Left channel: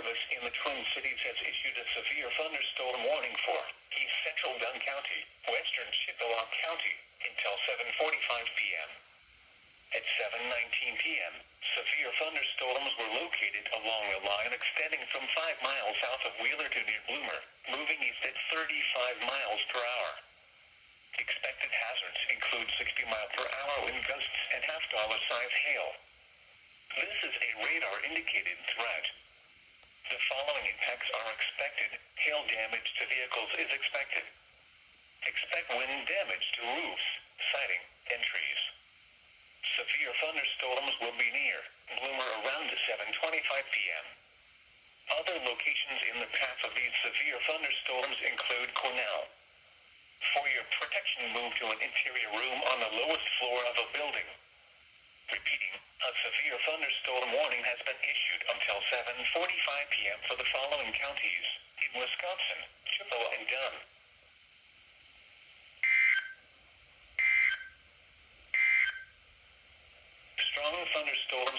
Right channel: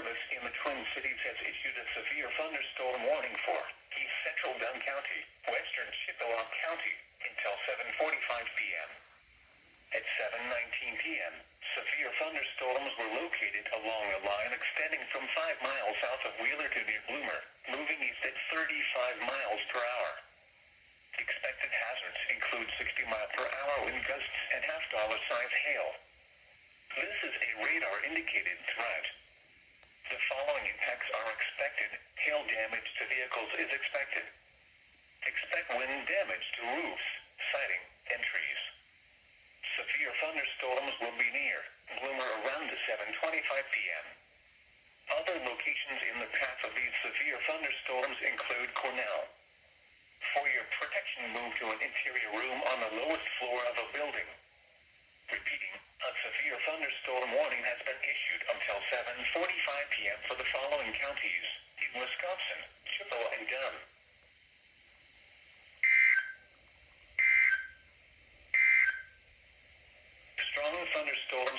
Service in the Twin Cities has issued a severe thunderstorm warning for east central Dunn County, western Chippewa County, until 7:45 p.m. At 7:19 p.m., severe thunderstorms were located along a line extending from 5 miles south of Wheeler to near Bloomer, moving east at 35 miles per hour. Expected hazards include 60-mile-per-hour wind gusts and half-dollar-size hail. This is a radar-indicated threat. The following impacts are expected. Hail damage to vehicles is expected. Expect wind damage to roofs, siding, and trees. Severe thunderstorms will be near Bloomer around 7:25 p.m. Other locations in the path of these severe thunderstorms include Cornell. For your protection, move to an interior room on the lowest floor of a building. Repeating, a severe thunderstorm warning has been issued until 7:45 p.m. for the following counties in Wisconsin, Chippewa, and Dunn. Strong thunderstorms